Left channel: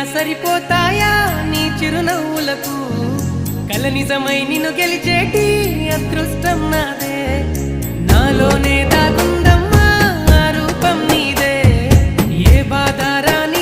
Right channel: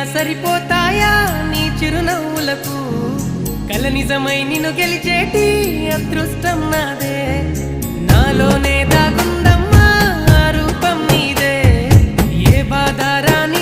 సరిపోతాయా నీ చిరునవ్వులకు కల నిజమై నిన్ను గెలిచేటి అదృష్టం నాదే నాలోనే దాగుందమ్మా ఆ రూపం నీదే ఏ బాధ రాని